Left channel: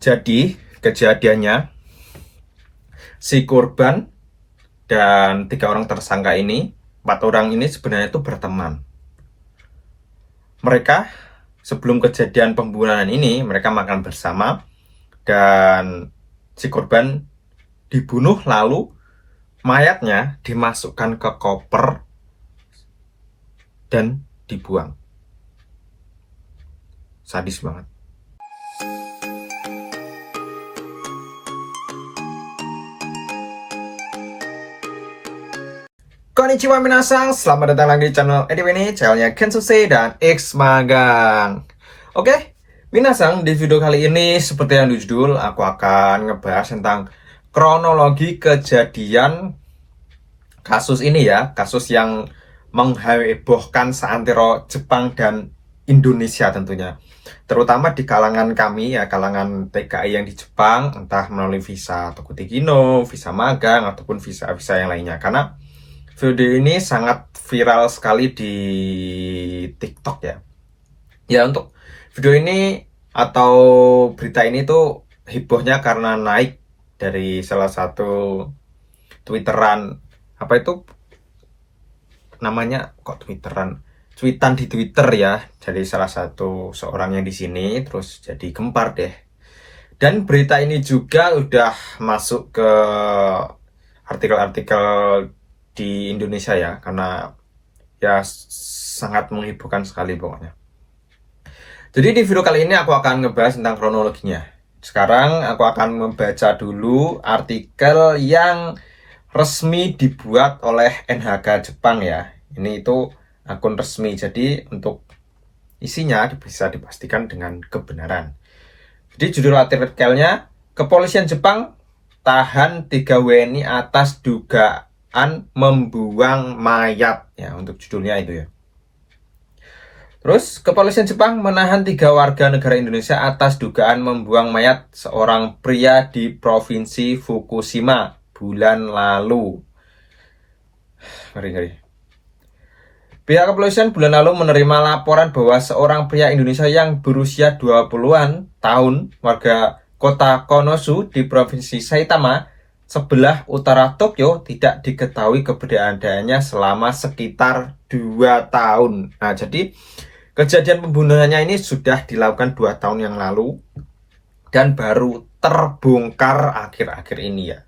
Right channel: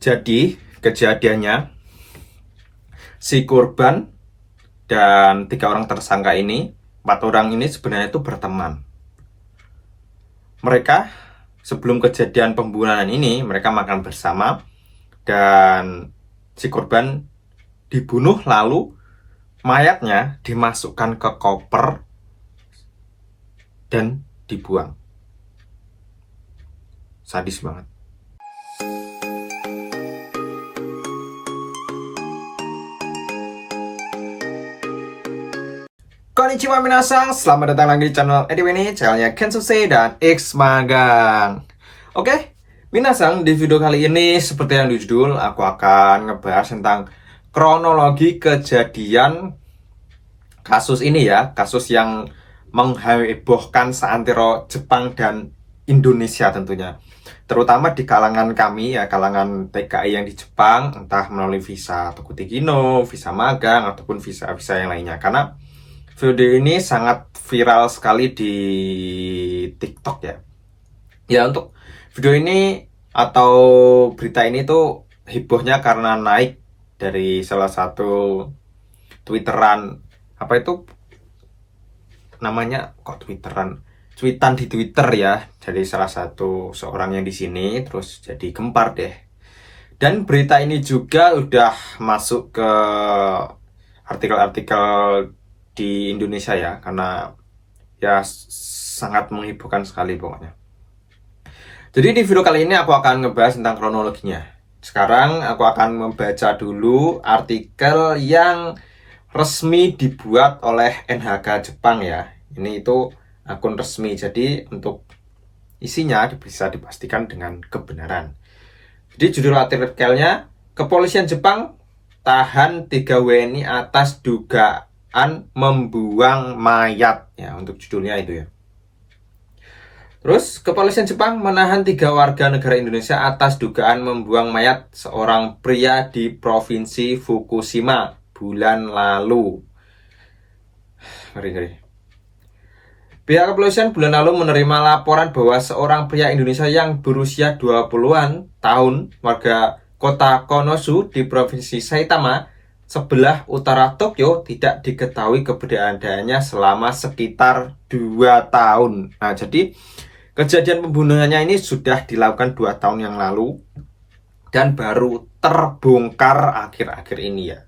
Jadi kejadiannya si korban dan 3 orang tersangka ini, 4 orang ini sebenarnya itu berteman. Mereka sebelum kejadian pembunuhan ini mereka makan bersama dan si korban dibunuh lalu mayatnya dimasukkan ke koper dan dibuang. Sadis banget. Konnichiwa minasang, selamat datang lagi di channel EDW ini, channelnya Kensuse dan X Magang. Oke, minasang, di video kali ini seperti yang di judul, aku akan ngebahas tentang kronologi kejadian kasus ini ya, kasus yang menghebohkan seantero Jepang dan Indonesia tentunya. Terutama di kalangan kami ya, kalangan TKI yang di Jepang, entah melalui visa Tokuti Kino, visa magang, ataupun visa-visa yang lainnya. Karena video ini sangat viral sekali di TikTok ya. Ya, untuk video ini atau berita ini tuh hebohnya karena naik dari salah satu Twitteran, apa itu namanya, kok Twitteran, tweetan di Twitter ya, dari salah satu seorang yang di sini, terus jadi gempar deh. Dan berita ini juga udah masuk ke artikel-artikel di Indonesia ya, karena ya sangat menghebohkan sekali pokoknya. Jadi di video kali ini aku akan ngebahas tentang kronologinya. Sekarang aku akan membaca dulu artikel yang resmi dibuat oleh NHK Jepang ya. Ini itu akun resmi, jadi untuk isinya bisa dipastikan dengan kebenaran. Jadi judul artikelnya, Kepolisian Jepang tahan 3 WNI atas dugaan membuang mayat ya, untuk judulnya itu ya. Terus Kepolisian Jepang menahan 3 warga negara Indonesia atas dugaan membuang mayat seorang pria di Provinsi Fukushima bulan lalu. Ngeri. Pihak kepolisian bulan lalu menerima laporan bahwa seorang pria Indonesia yang berusia 20-an tahun, warga kota Konosu di Provinsi Saitama, sebelah utara Tokyo, tidak diketahui keberadaannya selama sekitar 2 tahun. Nah, jadi kejadian pembunuhannya ini sudah dilakukan 2 tahun yang lalu dan baru terbongkar akhir-akhir ini ya.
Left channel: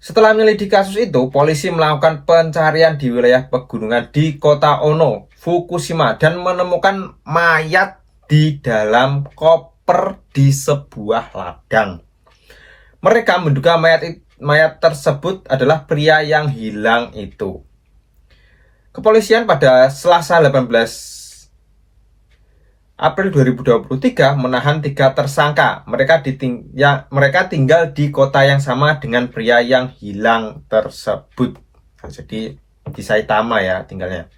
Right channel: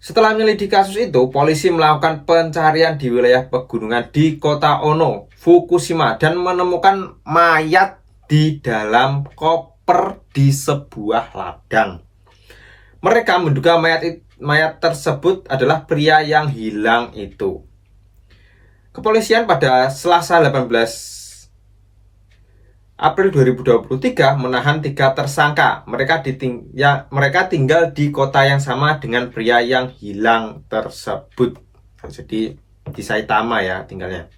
Setelah menyelidiki kasus itu, polisi melakukan pencarian di wilayah pegunungan di kota Ono, Fukushima, dan menemukan mayat di dalam koper di sebuah ladang. Mereka menduga mayat tersebut adalah pria yang hilang itu. Kepolisian pada Selasa 18 April 2023 menahan 3 tersangka. Mereka tinggal di kota yang sama dengan pria yang hilang tersebut. Nah, jadi di Saitama ya tinggalnya.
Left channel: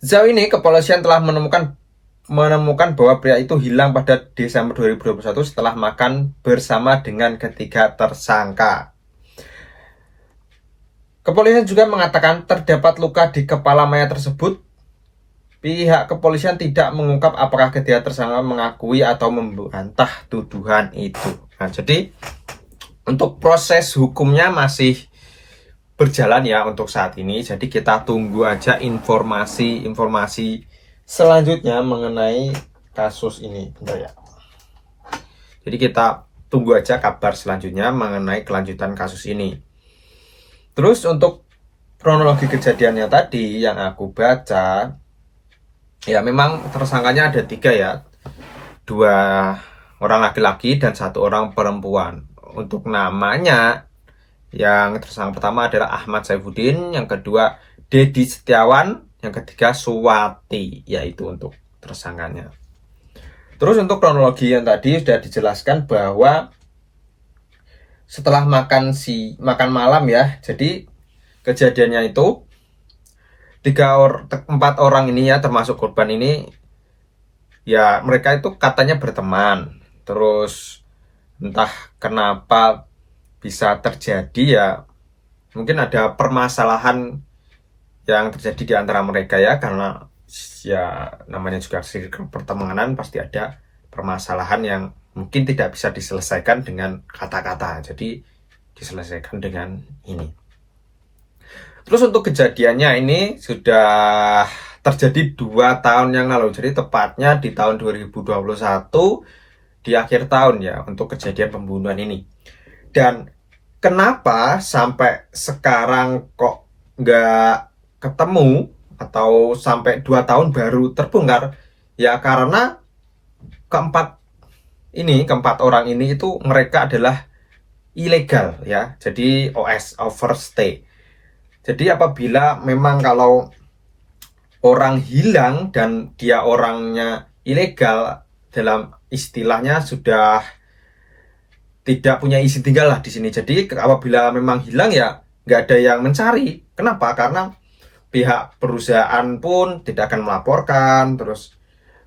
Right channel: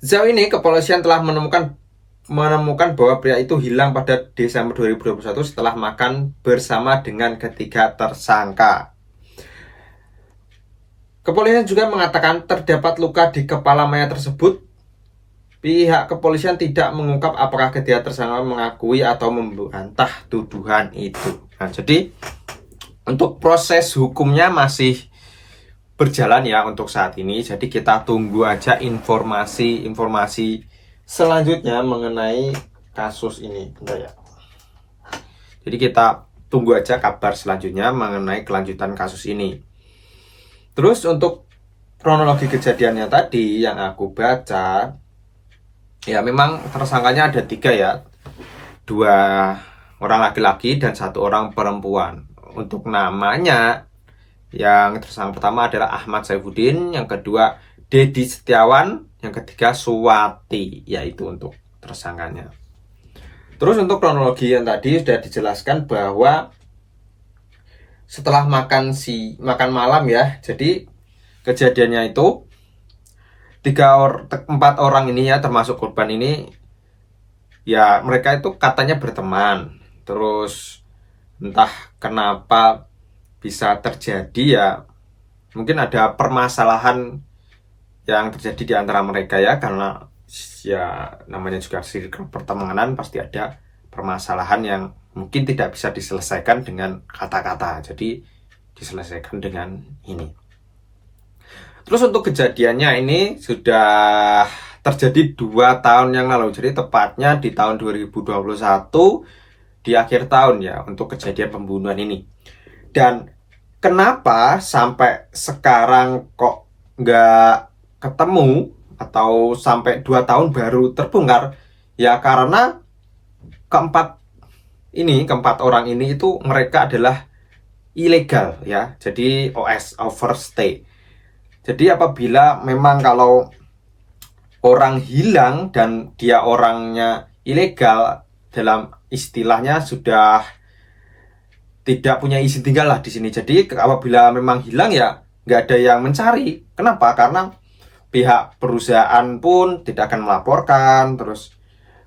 Sejauh ini kepolisian telah menemukan bahwa pria itu hilang pada Desember 2021 setelah makan bersama dengan ketiga tersangka. Kepolisian juga mengatakan terdapat luka di kepala mayat tersebut. Pihak kepolisian tidak mengungkap apakah ketiga tersangka mengakui atau membantah tuduhan itu. Nah, jadi untuk proses hukumnya masih berjalan ya untuk saat ini. Jadi kita tunggu aja informasi selanjutnya mengenai kasus ini. Bentar ya. Jadi kita tunggu aja kabar selanjutnya mengenai kelanjutan kasus ini. Terus untuk kronologi kejadiannya tadi yang aku baca, ya memang tersangkanya ada 3 ya, 2 orang laki-laki dan 1 orang perempuan. Untuk namanya, yang tersangka pertama adalah Ahmad Saifuddin, yang kedua Dedi Setiawan, yang ketiga Suwati, yaitu untuk tersangkanya. Terus untuk kronologi yang tadi sudah dijelaskan bahwa setelah makan malam ya, jadi kejadiannya itu 4 orang ini ya, termasuk korban ini ya, mereka itu katanya berteman. Terus entah kenapa bisa terjadi ya, mungkin ada permasalahan yang terjadi di antara mereka ya, karena ya namanya juga circle pertemanan, pasti ada permasalahan yang mungkin tidak bisa diselesaikan dengan kata-kata, jadi diselesaikan dengan ini. Terus untuk kejadiannya ini sudah terjadi 2 tahun yang lalu, jadi tepatnya di tahun 2021 di akhir tahun ya, untuk kejadian pembunuhan ini. Dan kenapa sampai sekarang kok nggak ketemu atau sampai 2 tahun baru terbongkar? Ya karena keempat orang ini itu mereka adalah ilegal ya, jadi OS, overstay. Jadi apabila memang kalau orang hilang dan dia orangnya ilegal, dalam istilahnya sudah tidak punya izin tinggal lah di sini. Jadi apabila memang hilang ya nggak ada yang mencari. Kenapa? Karena pihak perusahaan pun tidak akan melaporkan, terus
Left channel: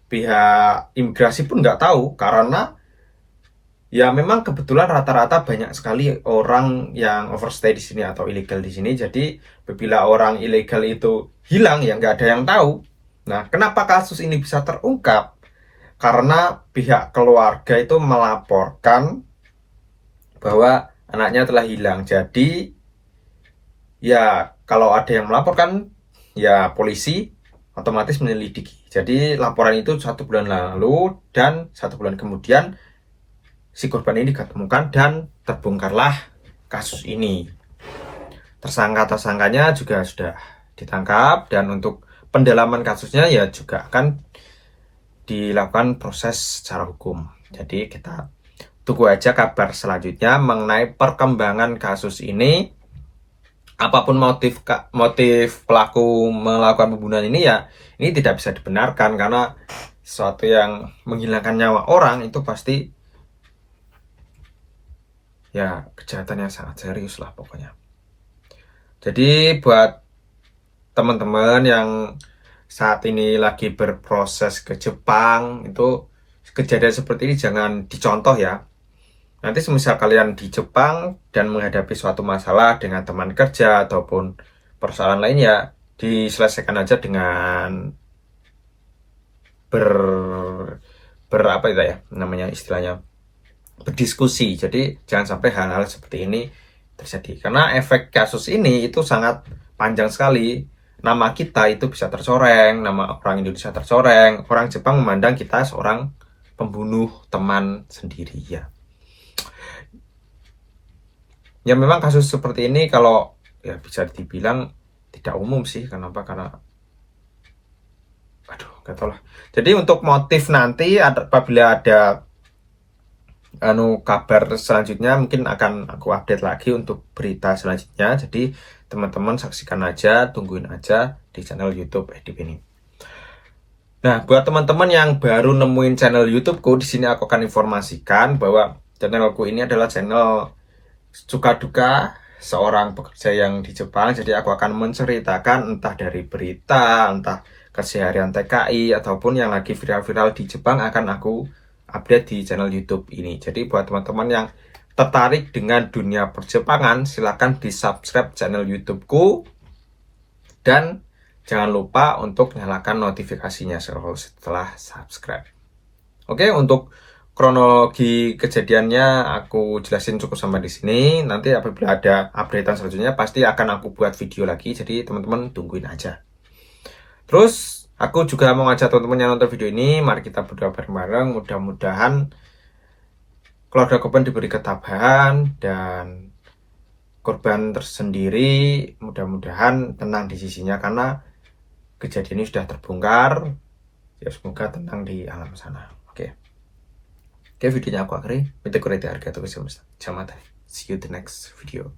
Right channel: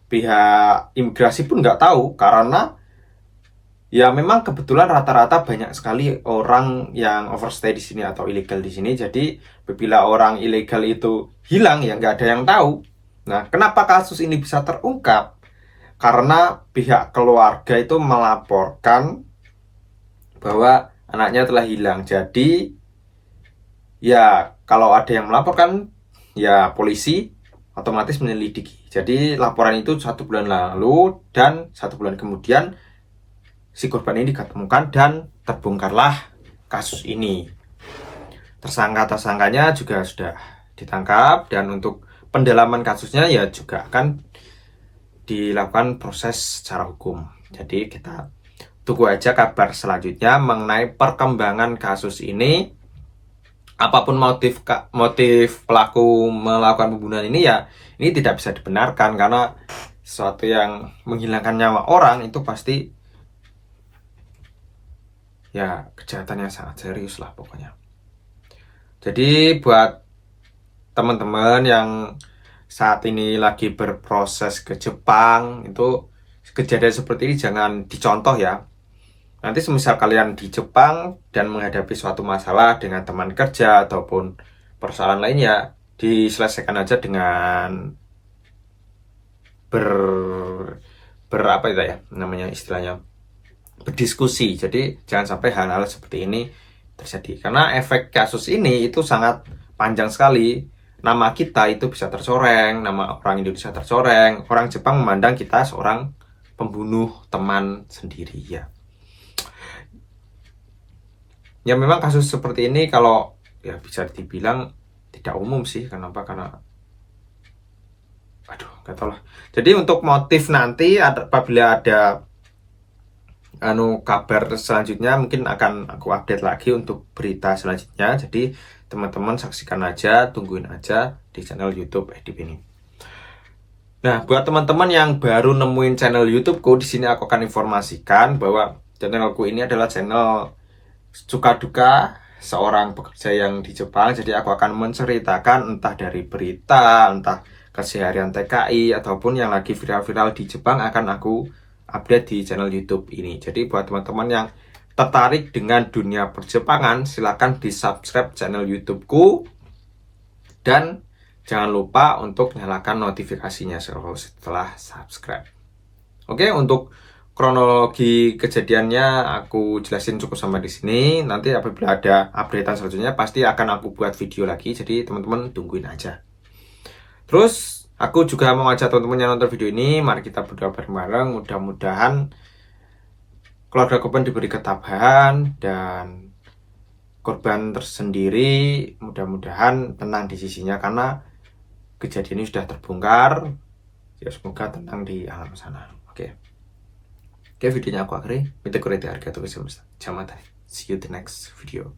pihak imigrasi pun nggak tahu, karena ya memang kebetulan rata-rata banyak sekali orang yang overstay di sini atau ilegal di sini. Jadi apabila orang ilegal itu hilang ya nggak ada yang tahu. Nah, kenapa kasus ini bisa terungkap? Karena pihak keluarga itu melaporkan bahwa anaknya telah hilang. Jadi ya kalau ada yang melaporkan ya polisi otomatis menyelidiki. Jadi laporan itu 1 bulan lalu dan 1 bulan kemudian si korban ini ditemukan dan terbongkarlah kasus ini. Tersangka-tersangkanya juga sudah ditangkap, dan untuk pendalaman kasusnya ya juga akan dilakukan proses secara hukum. Jadi kita tunggu aja kabar selanjutnya mengenai perkembangan kasus ini. Apapun motif pelaku melakukan pembunuhan ini ya ini tidak bisa dibenarkan, karena sesuatu yang menghilangkan nyawa orang itu pasti ya kejahatan yang sangat serius lah pokoknya. Jadi buat teman-teman yang saat ini lagi berproses ke Jepang, itu kejadian seperti ini jangan dicontoh ya. Nanti semisal kalian di Jepang dan menghadapi suatu masalah dengan teman kerja ataupun persoalan lain, ya diselesaikan aja dengan apa itu ya namanya istilahnya, berdiskusi. Jadi jangan sampai hal-hal seperti ini terjadi, karena efek kasus ini itu sangat panjang sekali. Nama kita itu bisa tercoreng, nama orang Indonesia tercoreng, orang Jepang memandang kita seorang pembunuh teman sendiri ya. Ya memang kasus seperti ini kalau ya bisa dibilang tidak umum sih. Kenapa? Karena gak tau lah. Jadi untuk motif nanti apabila ada kabar selanjutnya mungkin akan aku update lagi untuk berita selanjutnya. Jadi teman-teman saksikan aja, tungguin aja di channel YouTube Edip ini. Nah, buat teman-teman yang baru nemuin channel YouTubeku, di sini aku akan informasikan bahwa channelku ini adalah channel suka duka seorang pekerja yang di Jepang. Jadi aku akan menceritakan entah dari berita, entah keseharian TKI, ataupun yang lagi viral-viral di Jepang akan aku update di channel YouTube ini. Jadi buat teman-teman yang tertarik dengan dunia perjepangan, silahkan di subscribe channel YouTubeku, dan jangan lupa untuk nyalakan notifikasinya setelah subscribe. Oke, untuk kronologi kejadiannya aku jelasin cukup sampai di sini. Nanti apabila ada updatean selanjutnya pasti akan aku buat video lagi. Jadi teman-teman tungguin aja. Terus aku juga mau ngajak teman-teman yang nonton video ini, mari kita berdoa bareng-bareng. Mudah-mudahan keluarga korban diberi ketabahan dan korban tersendiri mudah-mudahan tenang di sisinya, karena kejadian ini sudah terbongkar. Ya semoga tenang di alam sana. Oke, videonya aku akhiri. Minta kurang harga tuh. See you the next video.